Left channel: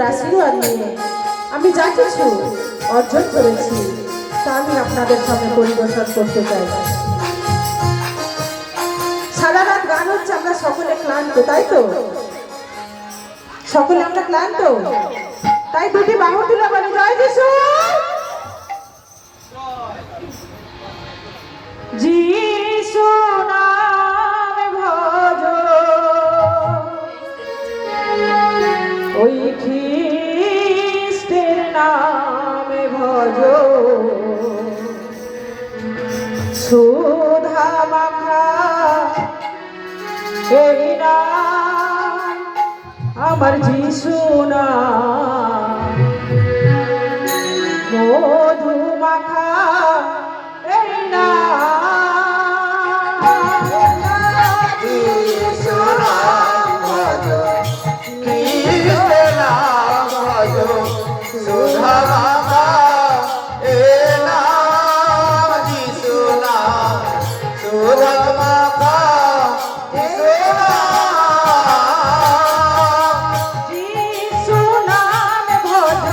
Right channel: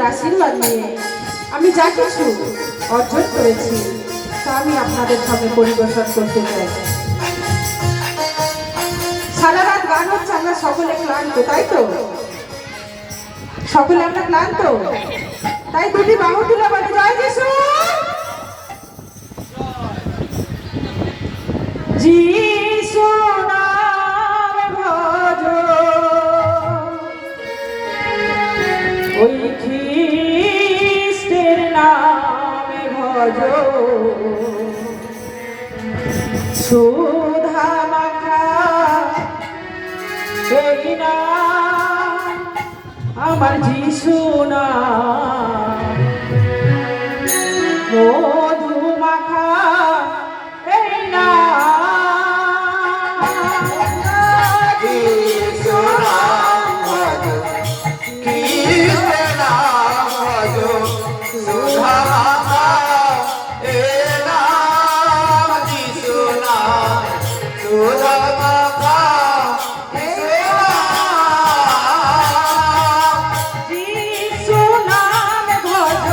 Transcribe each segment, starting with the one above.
যিশুর আশীর্বাদ নিয়ে আমি যা কিছু অর্জন করেছি তা আমি আপনাদের সামনে পরিবেশন করতে চাই। সারা রাত গান হচ্ছে, আমরা সকলে ক্লান্ত, তাই তো? সকলে আমরা ক্লান্ত, তাই দুটি বাহু তুলে বলে জয় যিশু। যিশু নামে ভজ, ওই খ্রিস্টের নামে ভজ, সুধা মাখা এই নাম আমার যিশু নাম, মধু মাখা এই নাম, যিশু নাম ভজ, খ্রিস্টের নাম ভজ, সুধা মাখা এই নাম, যিশু নাম সুধা মাখা এই নাম। যিশু নামে ভজ,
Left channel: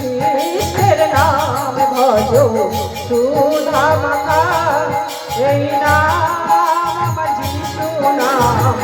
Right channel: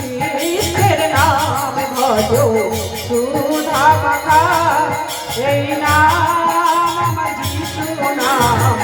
খ্রিস্টের নামে ভজ, সুধা মাখা এই নাম আমার যিশু নাম।